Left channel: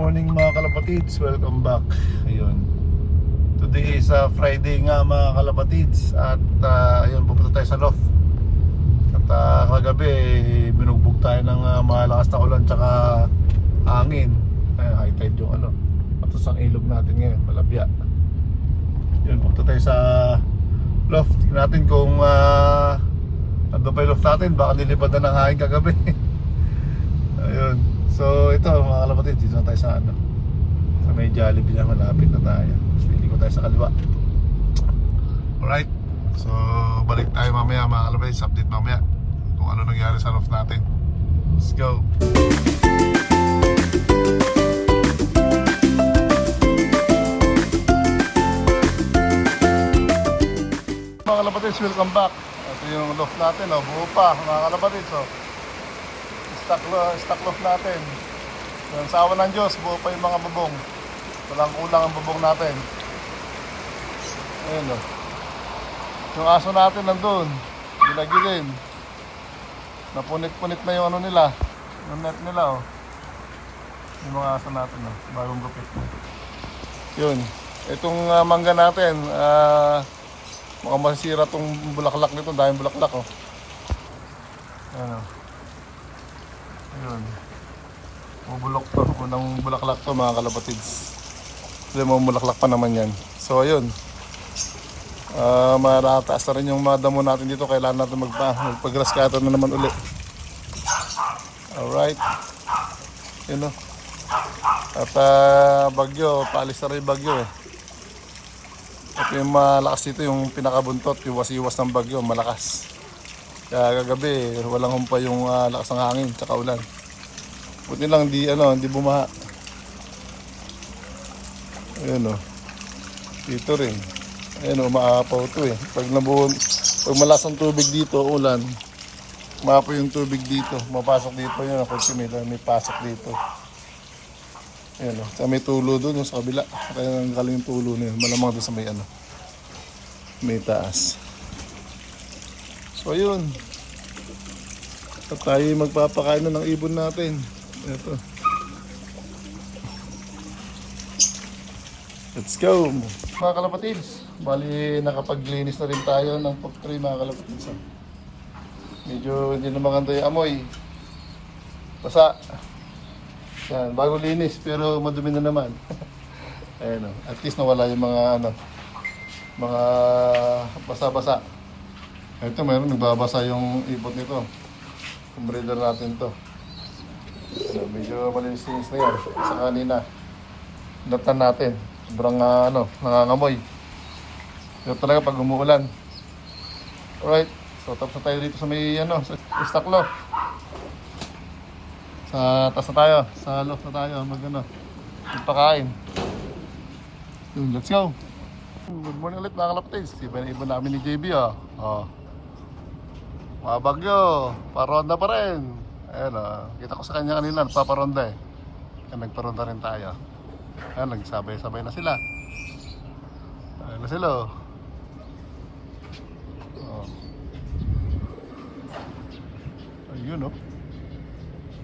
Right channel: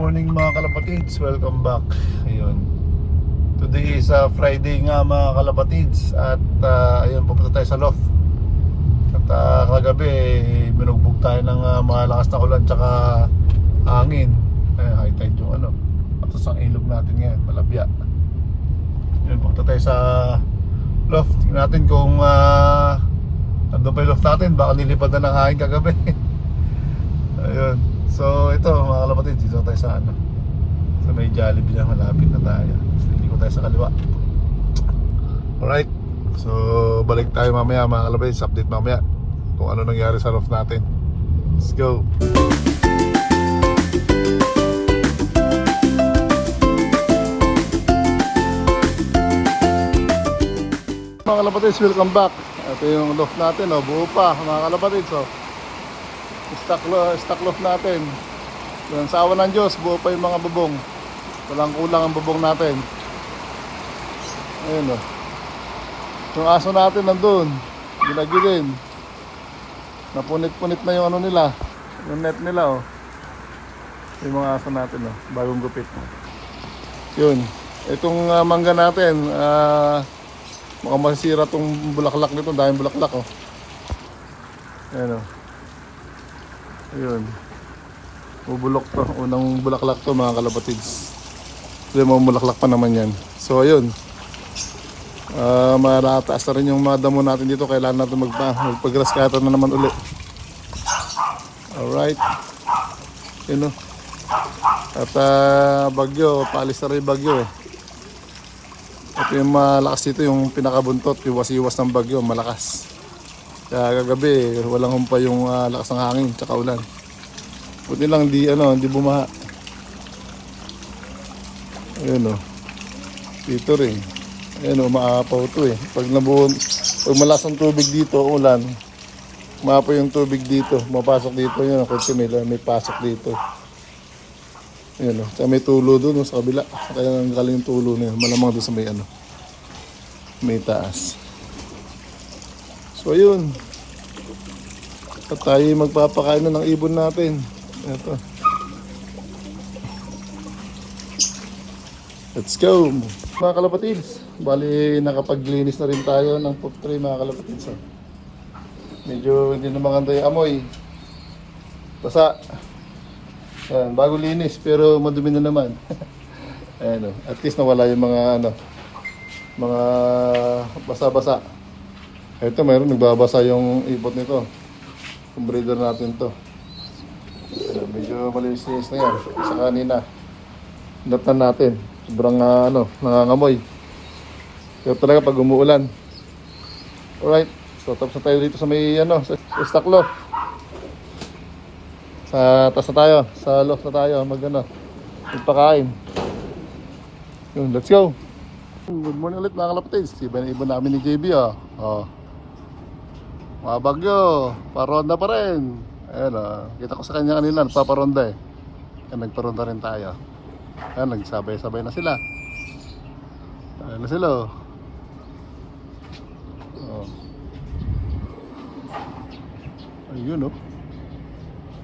morning mga kalapatids, welcome back. Ayun. Today is Friday nga mga kalapatids. At ayun, pupunta tayo sa loft. At kagabi binugbog tayo ng malakas na ulan tsaka hangin. High tide yung patos ang ilog natin ngayon, Malabya. Ayun, pupunta tayo sa loft. Tingnan natin kung nandun pa yung loft natin. Baka nilipad na ng hangin kagabi. Ayun. So ito mga kalapatid, dito tayo sa sa may Jollibee lang, hanapin na tayo. Tapos liliko tayo sa kaliwa. Alright. So balik tayo mamaya mga kalapatid, update mamaya kung ano nangyari sa roof natin. Let's go. Mga kalapatid, welcome back. Ito yung roof natin, buo pa mga kalapatid. So stock loft natin. Yan, sa awa ng Diyos, buo pa yung mga bubong. Walang kulang ang bubong natin. Ayun yung aso natin nandun, gilagilin. Napunit-punit na yung nila, yung net nila yung mga aso natin bagong gupit. Yun, itong mangga natin, baka masira tong bulaklak nito, dahil bulaklak ayun yun, bubulok pa. Unang bulaklak to mga kalapatids. Hindi mo bulaklak pa naman yan. So ayun, matataas na rin yung mga damo natin dito. Kailangan natin magpag-grass cutter na naman ulit. Alright, yun at bagyo, paalis na rin bagyo at yung malakas dito, yung pinakabuntot, yung iwas ng bagyo, malakas. Kaya kagabi walang humpa yung lakas ng hangin tsaka ulan. Buti lang hindi bumaha. Ayun dito rin. Ayun umaapaw ito Pag malakas ang tubig dito, ulan, umaapaw yung tubig dito. Mapasok dito yun, kasi may pasok dito. Ayun Kaya may tulo doon sa kabila. Kaya ang galing yung tulo na yun. Malamang doon sa may taas. So ayun, at tayo magpapakain na ng ibon natin. Ito, let's go mga kalapatids. Bali nakapaglinis na rin tayo ng top tray mga kalapatids. Medyo hindi na maganda yung amoy, basa. Ayan, bago linis pero madumi na naman. Ayan, at least nawala yung mga mga basa-basa. Ito meron, nagbabasa yung ibot nito. Yung breeder natin to. Medyo malinis na yun. Sa kanina, latan natin. Sobrang nangangamoy. So talaga pag umuulan. Alright, so tapos na tayo dito sa may sa stock loft. Tapos na tayo, sa loft na tayo, magpakain. Let's go. Good morning ulit mga kalapatids. Iba namin ni JB bagyo, paronda pa rin. Ayan kita ko sa kanya kanina, nagpaparonda nagparonda rin tayo. Ayan, nagsabay-sabay na sila. Ayan na sila ayun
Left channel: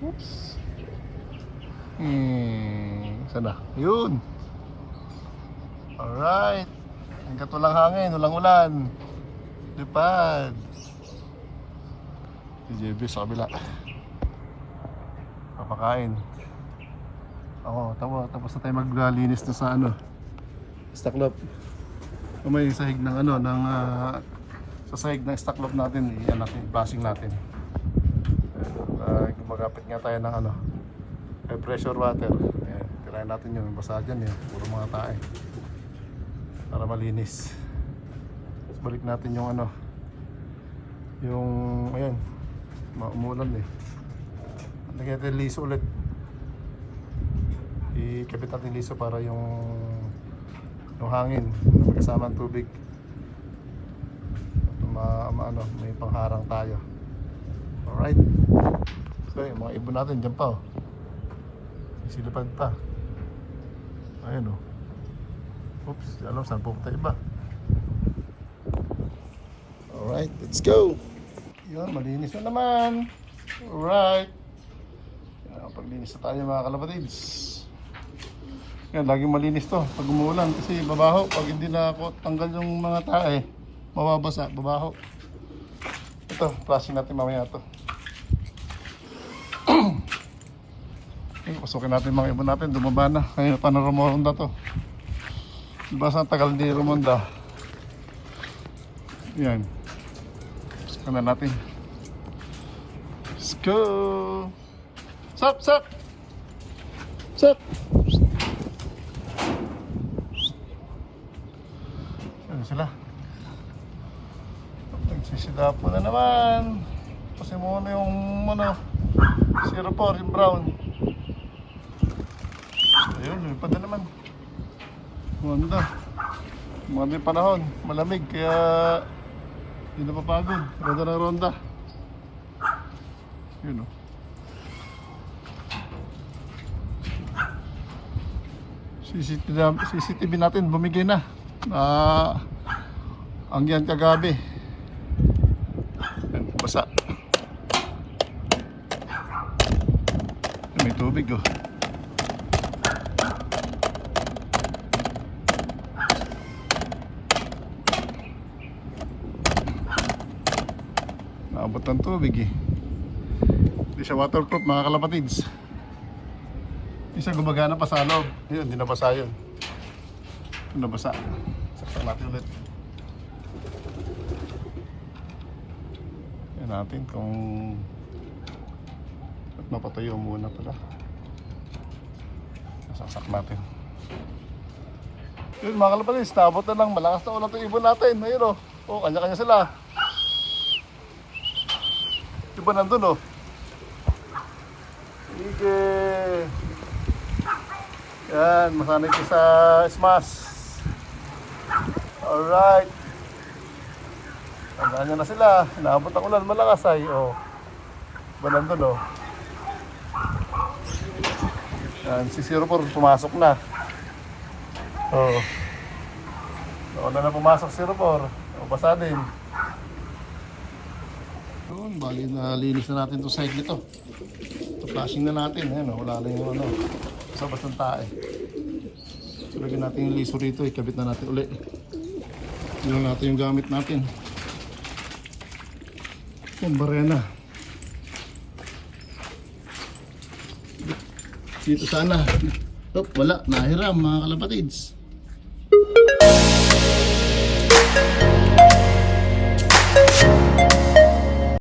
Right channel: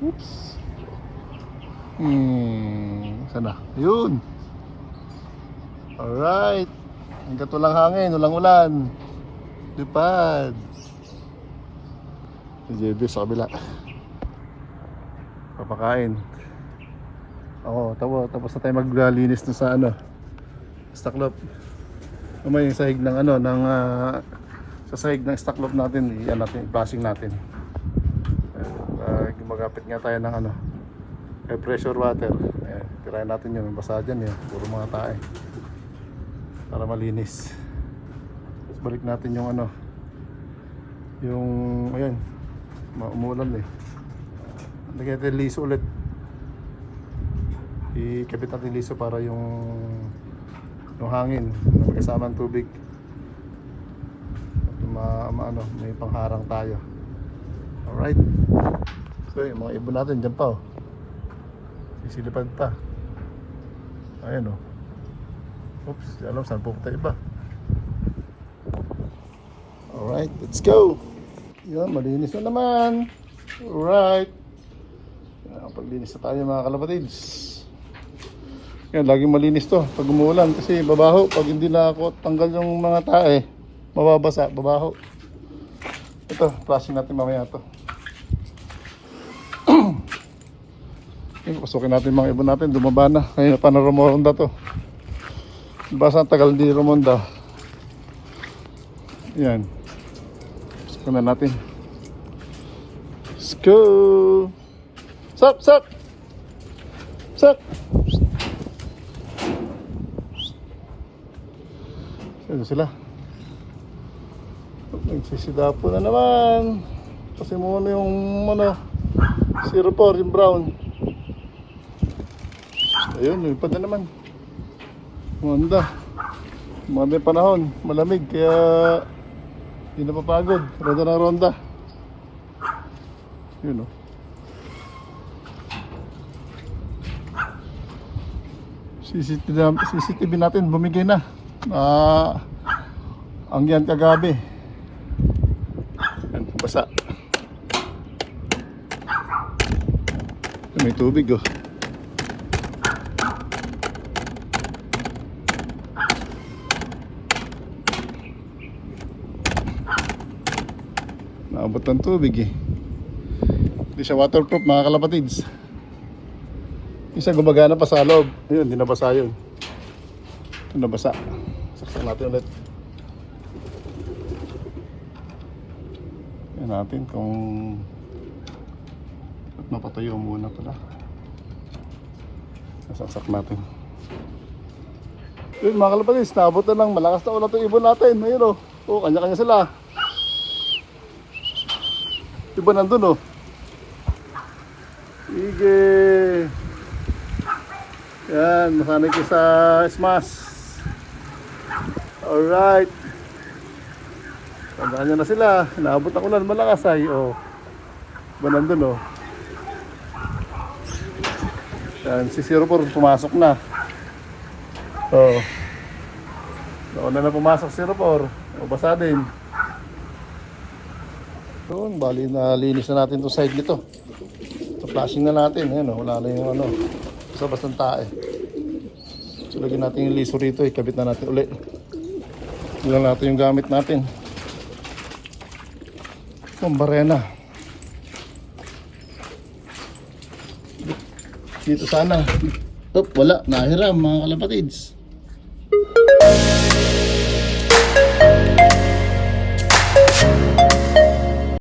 oops. Sana yun. Alright, ang katulang hangin, ulang-ulan, lipad. JB sa kabila papakain. Tapos na tayo maglinis doon sa stock loft. May sahig ng sa sahig ng stock loft natin, bashing natin. Gumagapit nga tayo ng pressure water. Ayan, tirahin natin yun, basa dyan puro mga tae para malinis. Tapos balik natin yung ayan, umuulan lagyan natin liso ulit, ikabit natin liso para yung hangin magkasama ng tubig may pangharang tayo. Alright, so yung mga ibon natin dyan pa isilipad pa. Ayan oops, alam saan pupunta iba. Alright, let's go. Yun, malinis na naman. Alright, paglinis na tayo mga kalapatids. Kaya laging malinis to pag umuulan kasi babaho. Pag hindi na ako tanggal yung mga tae, mababasa, babaho. Ito, flushing natin mamaya ito. Pasukin natin mga ibon natin, dumaba na. Ngayon pa na Romonda to. Basta ang tagal di Romonda. Yan. Pasukin na natin. Let's go! Sup, sup! Sup! Saan sila? Nagsisidapo na naman. Kasi muna yung ano, 04, yung brown. Ayun, nilipad na naman. Honda. Maganda yung panahon. Malamig, kaya hindi na papagod. Ronda na ronda. Yun o. CCTV natin, bumigay na. Ang yan kagabi. Basa. May tubig oh. Naabot ng tubig eh. Hindi siya waterproof mga kalapatids. Isa gumagana pa sa loob. Yun, hindi nabasa yun. Ito nabasa. Saksak natin ulit. Tignan natin kung mapatayo muna ito ba. Saksak natin. Yun mga kalapatids, naabot na lang. Malakas na ulat yung ibon natin. Ayun o. Oh, kanya-kanya sila. Iba nandun oh. Sige. Yan, masanay ko sa smash. Alright. Tandaan nyo na sila. Naabot ako na malakas ay. Oh. Iba nandun oh. Yan, si 04 pumasok na. Oh. Una na pumasok si 04. Mabasa din. So, bali na linis na natin itong side nito. Ito flashing na natin. Ayan, oh, wala na yung ano. Sa bastang tae. So, lagyan natin yung liso rito. Ikabit na natin ulit. Ilan natin yung gamit natin. Itong barena. Dito sana. Wala. Nahiram mga kalapatids.